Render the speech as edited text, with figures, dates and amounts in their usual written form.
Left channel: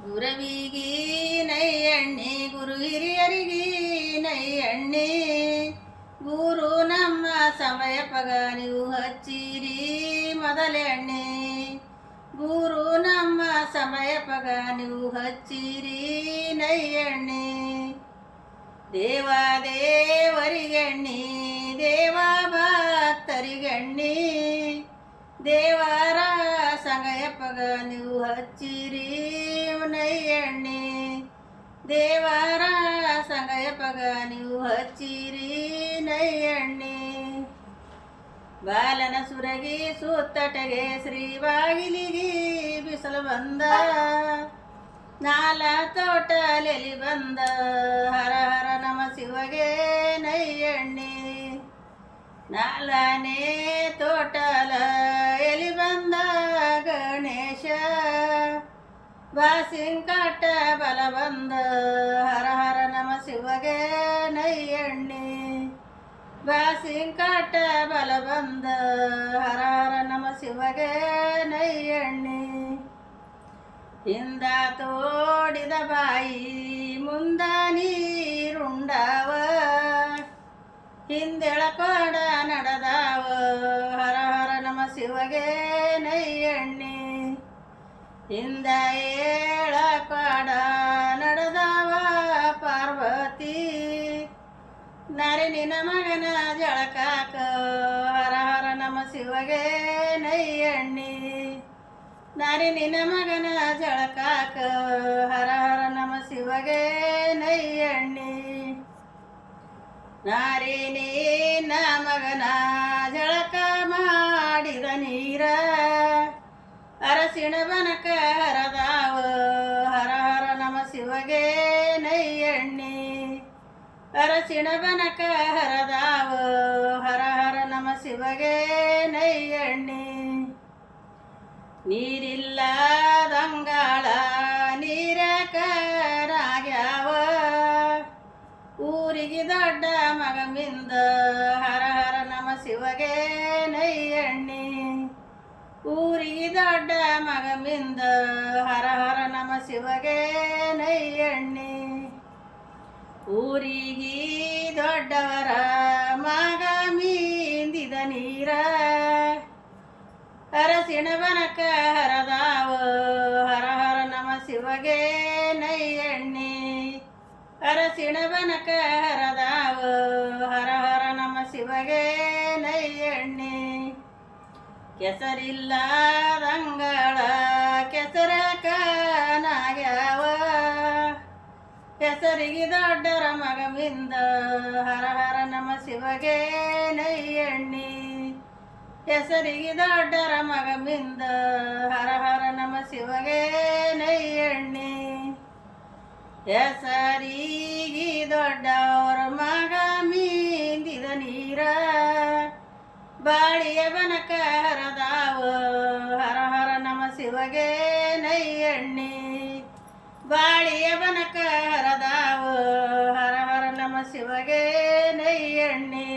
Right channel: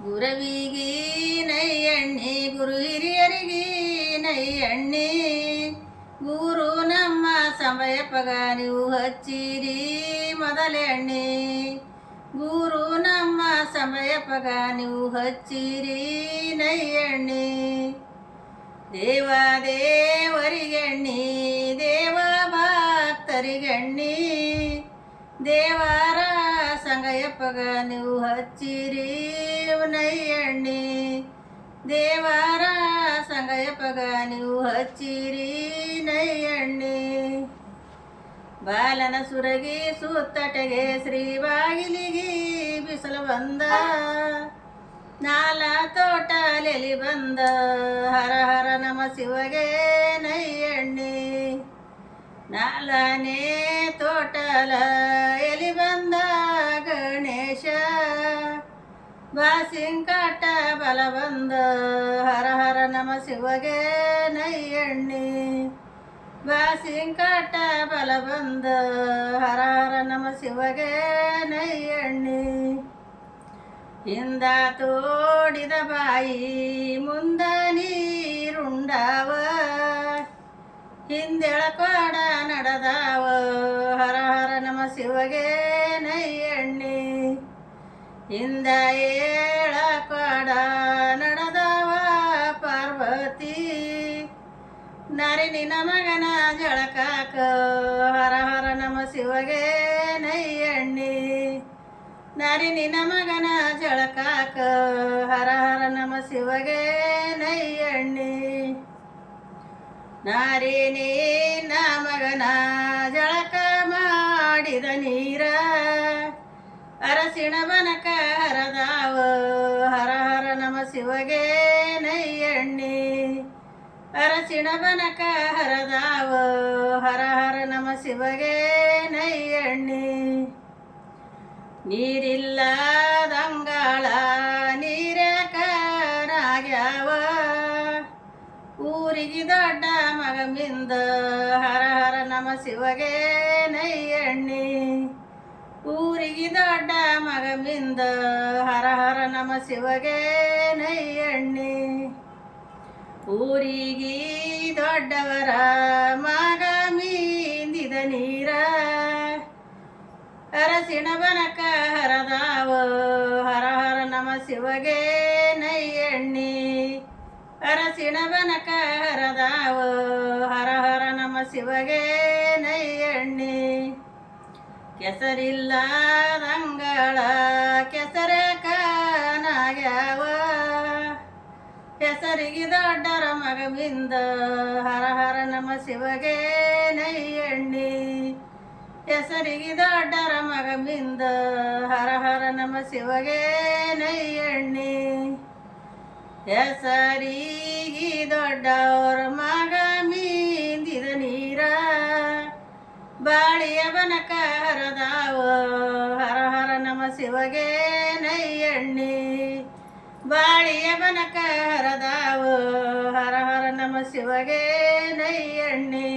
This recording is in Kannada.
ಗುರವಿಗಿ ನೈಯಣ್ಣಿ ಗುರು ಹಿರಿಯರಿಗಿ ನೈಯಣ್ಣಿ ಗುರು ನಮ್ಮ ಸಮಯಪಗ ನೀವು ಹಚ್ಚಿರಿ ಮೊದಲೆಣ್ಣೆ ಗುರು ನಮ್ಮ ಸಮಯಪಗ ನೀವು ಹಚ್ಚಿರಿ ನೈಯಣ್ಣೆ ದೇವ ದೇವರಿಗೆಣ್ಣಿ ದೇವ ಭಕ್ತರಿಗೆಣ್ಣಿ ದೇವರ ಸಂಗಯಪ್ಪಗ ನೀವು ಹಚ್ಚಿರಿ ನೈಯಣ್ಣಿ ದೇವರ ಸಂಗಯಪ್ಪಗ ನೀವು ಹಚ್ಚಿರಿ ನೈಯಣ್ಣಿ ಬಾಲನ ಸುರಗಿ ಸುತ್ತಟೆಗೆ ಶ್ರೀ ಬಾಗಿಲಿಗಿ ಬಿಸಲು ಬಂದ ನಾಲ ತೋಟಲೆಲಿ ಬಂದ ಹರ ಹರ ನಮ ಶಿವಗೆ ನೈಯಣ್ಣಿ ನಾಲನೇ ತೋಟಲ ಎಲಿ ಬಂದ ಗಣೇಶ ಬಾಸಿಂಕಾಟ ಬಲ ಬಂದ ಹರ ಹರ ನಮ ಶಿವಗೆ ನೈಯಣ್ಣಿ ಬಾಸಿಂಕಾಟ ಬಲ ಬಂದ ಹರ ಹರ ನಮ ಶಿವಗೆ ನೈಯಣ್ಣಿ ಹಿಂದ ತೋಡಿದ ಬಾಯಿ ಮುಂದ ನೀರುಂಡಾವ ಹಿಂದೆಳಕೋಡ ನಡೆದಾವ ಹರ ಹರ ನಮ ಶಿವಗೆ ನೈಯಣ್ಣಿ ಹಿಂದ ಏಳಕೋಡ ನಡೆದವ ಪಾರ್ವತಿ ನರಿ ನಿನ್ನ ಮಗನ ಜಳಕಾಕ ಹರ ಹರ ನಮ ಶಿವಗೆ ನೈಯಣ್ಣಿ ನರಿ ನಿನ್ನ ಮಗನ ಜಳಕಾಕ ಹರ ಹರ ನಮ ಶಿವಗೆ ನೈಯಣ್ಣಿ ನಾರಿ ನಿನ್ನ ಮಗನ ಜಳಕ ಮಾಡಿದ ನೀರ ಅರಸಿಣ ಬನಕ ಹರದಾವ ಹರ ಹರ ನಮ ಶಿವಗೆ ನೈಯಣ್ಣಿ ಅರಸಿಣ ಬನಕ ಹರದಾವ ಹರ ಹರ ನಮ ಶಿವಗೆ ನೈಯಣ್ಣಿ ನೀರಿಲ್ಲದಂಗಾಳ ನೀರಕರಾಗ್ಯಾವ ಊರಿಗೆ ದೊಡ್ಡ ಮಗಮಿಂದ ಹರ ಹರ ನಮ ಶಿವಗೆ ನೈಯಣ್ಣಿ ಊರಿಗೆ ದೊಡ್ಡ ಮಗಮಿಂದ ಹರ ಹರ ನಮ ಶಿವಗೆ ನೈಯಣ್ಣಿ ಊರಿಗೆ ದೊಡ್ಡವರ ಮಗ ಮೀಂದಿದ ನೀರ ಅರಸಿಣ ಬನಕ ಹರದಾವ ಹರ ಹರ ನಮ ಶಿವಗೆ ನೈಯಣ್ಣಿ ಅರಸಿಣ ಬನಕ ಹರದಾವ ಹರ ಹರ ನಮ ಶಿವಗೆ ನೈಯಣ್ಣಿ ಕೆಸರಿಲ್ಲದಂಗಳ ಕೆಸರ ಕಾನಾಗ್ಯಾವ ಹೆಸರಿಗೆ ದೊಡ್ಡರ ಮಗಮಿಂದ ಹರ ಹರ ನಮ ಶಿವಗೆ ನೈಯಣ್ಣಿ ಹೆಸರಿಗೆ ದೊಡ್ಡರ ಮಗಮಿಂದ ಹರ ಹರ ನಮ ಶಿವಗೆ ನೈಯಣ್ಣಿ ಹೆಸರಿಗೆ ದೊಡ್ಡವರ ಮಗ ಮೀಂದಿದ ನೀರ ಬಾಳಿಯ ಬನಕ ಹರದಾವ ಹರ ಹರ ನಮ ಶಿವಗೆ ನೈಯಣ್ಣಿ ಬಾಳಿಯ ಬನಕ ಹರದಾವ ಹರ ಹರ ನಮ ಶಿವಗೆ ನೈಯಣ್ಣಿ